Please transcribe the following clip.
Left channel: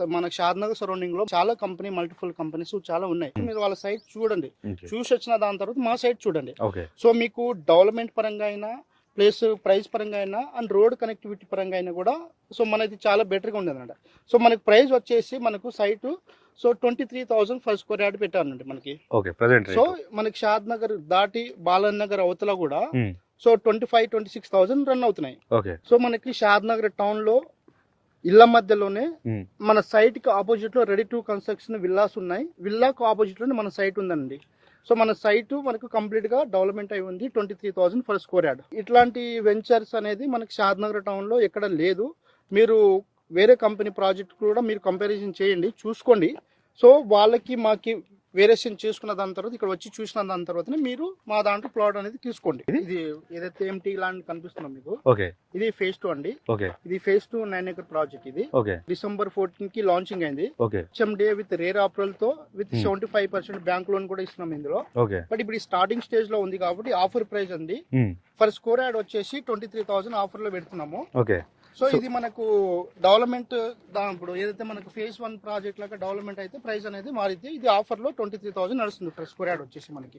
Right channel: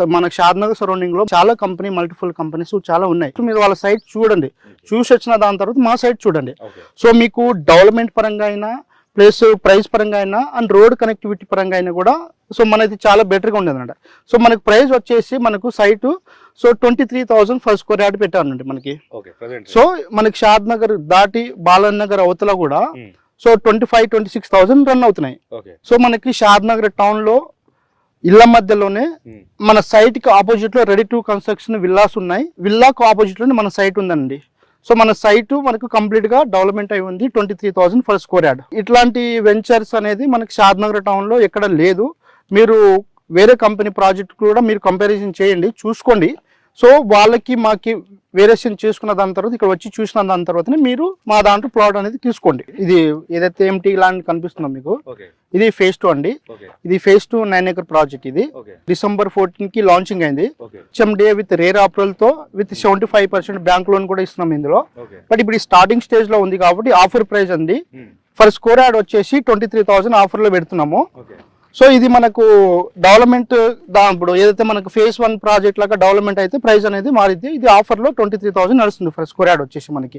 మనకి షాద్నగర్ సరౌండింగ్ లో చాలా కంపెనీ మల్టిపుల్ కంపెనీస్ చాలా ఉన్నాయి. మీరు వాళ్ళ సైట్ చూడండి, చూసి వచ్చిన దాని తర్వాత మా సైట్ చూడండి. సో మీకు డెవలప్మెంట్ పరంగా అయినా ప్లస్ ప్రైస్ పరంగా అయినా అండ్ రోడ్ కనెక్టివిటీ పరంగా అయినా కూడా సో మనది చాలా బెటర్గా ఉండేది అనమాట. సో మనకు ప్రైస్ వచ్చేసి మనకు site so 23,000 for square yard పెట్టారండి మనకి. సో మనకి షాద్ నగర్ దాటి బాలన్ నగర్ అవతల కూడా సో 25-26,000 రన్ అవుతున్నాయి. సో మనకి షాద్ నగర్ టౌన్ లో ఇళ్ల మధ్యలోనే మన సైట్ కి ఆపోజిట్ లో రెడీ టు కన్స్ట్రక్షన్ విల్లాస్ ఉన్నాయి. విల్లాకు ఆపోజిట్ లోనే మన సైట్ ఉందండి. సో మన సైట్ మనకు కంప్లీట్ గా డెవలప్మెంట్ అయి ఉంది 23,000 ఫర్ స్క్వేర్ యార్డ్. ఇట్లాంటి వెంచర్స్ అనేది మనకి షాద్ నగర్ టౌన్ లో ఎక్కడ లేదు. మీరు వేరే కంపెనీ ప్రాజెక్ట్ కూడా మీరు కంపారిజన్ చేయండి, చూసుకోండి. సో వాళ్ళకి మాకి వేరియేషన్ చేసుకున్న దాని తర్వాత ఇక్కడ వచ్చి చూసిన దాని తర్వాతనే మీరు మా దాంట్లో ప్లాట్ అనేది తీసుకోండి. ఇది ఏదైతే ఎంటీ ల్యాండ్ కనిపిస్తుందో మీకు, ఇది ఫేజ్ 2 అండి. ఇది ఫేజ్ 2 9 acre ప్రాజెక్ట్. ఇది December 14 కి లాంచింగ్ అయింది. HMDA విత్ రేర్ అప్రూవల్ తో విత్ 75% బ్యాంక్ లోన్ కూడా ఇస్తున్నాం ఇందులో. బట్ ఇప్పుడు స్టార్టింగ్ స్టేజ్ లో ఉంది కాబట్టి ఆఫర్ ప్రైస్ అండి ఫర్ స్క్వేర్ యార్డ్ వచ్చేసి 23,000 ఆఫర్ లో పెడుతున్నాము. సో ఇది మనకు డెవలప్మెంట్ ఇప్పుడు ఏదైతే మనకు ఫేజ్ 1 ప్రాజెక్ట్ లాగా డెవలప్మెంట్ అయితే ప్రైస్ అనేది మారింది. ఇది ఆఫర్ లో 23,000 నడుస్తుంది ఫర్ స్క్వేర్ యార్డ్ వచ్చేసి మనకి.